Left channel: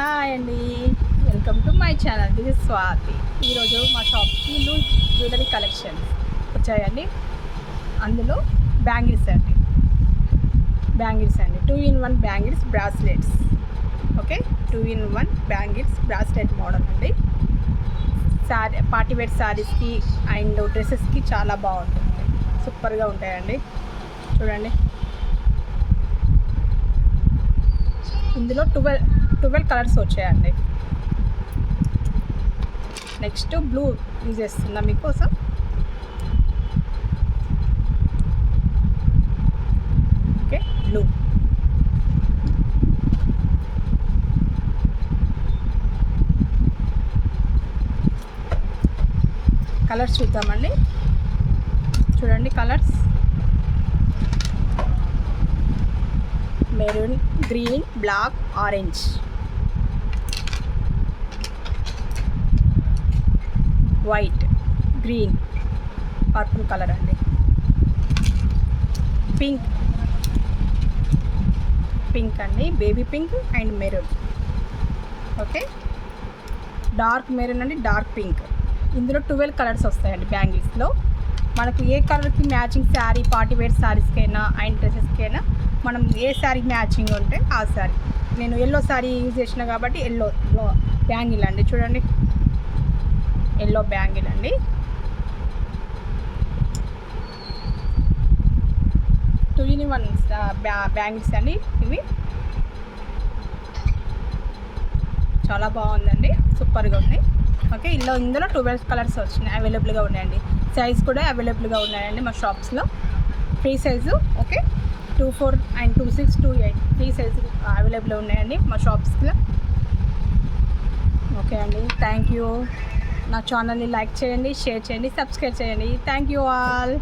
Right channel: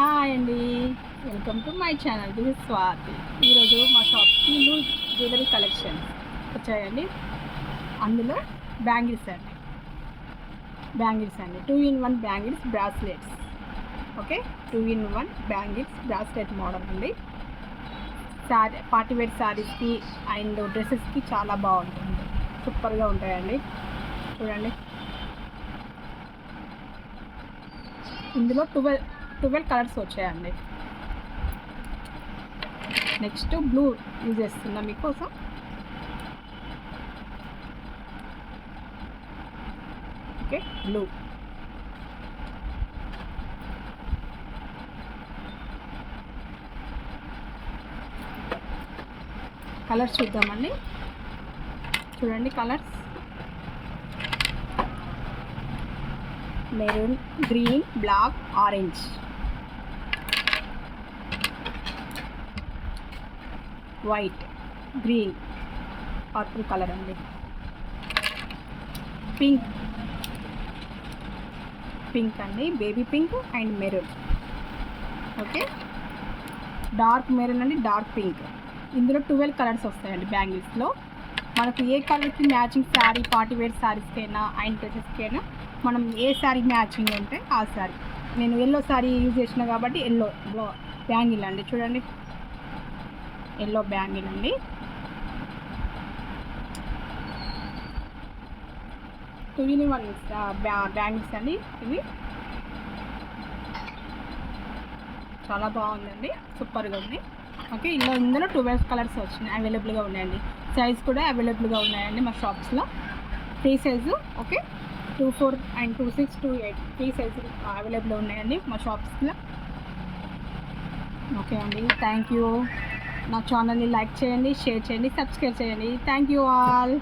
Hi అండి, welcome to my channel. This is Swathi. ఈరోజు మా షాప్కి న్యూ జ్యువెలరీ కలెక్షన్స్ వచ్చాయండి. అందులో బ్యాంగిల్స్ అండి, 2-in-1 bangles bracelets. Okay, 2-in-1 bangles bracelet model అండి. పార్టీవేర్ శారీస్కి అండ్ డ్రెస్సెస్కి చాలా బాగుంటుంది, సూపర్గా ఉంటాయండి. చూడండి, ఇందులో 12 కలర్స్ వచ్చాయండి. నెక్స్ట్ బ్లూ యూజ్ చేస్తున్నా మీకోసం. Okay, blue. కలర్స్ చూద్దామండి. చూడండి colours: maroon, green, black, orange, white, green, purple colour అండి, పింక్ అండి, baby pink and maroon. Okay, dark maroon అండి, డార్క్ పింక్. ఇందులో 12 కలర్స్ వస్తాయండి బ్యాంగిల్స్లో. మనకు ఏ కలర్కి మ్యాచింగ్ శారీ, పార్టీవేర్ శారీస్కైనా అండ్ డ్రెస్సెస్కైనా మనం ఏ శారీ మ్యాచింగ్ ఉంటే ఆ శారీ. నేను ఎల్లో శారీ యూజ్ చేసిన కాబట్టి ఎల్లో బ్యాంగిల్ అండి. చూడండి, ఎల్లో బ్యాంగిల్ అండి. 2-in-1 బ్యాంగిల్స్ అండి ఇవి. చాలా బాగుందండి, సూపర్గా ఉంది. ఓకే, ఇందులో 12 కలర్స్ వచ్చినాయి, అవైలబుల్గా ఉన్నాయండి. సైజ్ కూడా అవైలబుల్గా ఉన్నాయండి మా షాప్స్లో. Free size. Okay, 24 and 26, 28 free size available ఉన్నాయండి మా షాప్స్లో. ఓకే అండి, థ్యాంక్ యూ. నా ఛానల్ని లైక్ చేయండి, షేర్ చేయండి, సబ్స్క్రైబ్ చేయండి. Thank you all.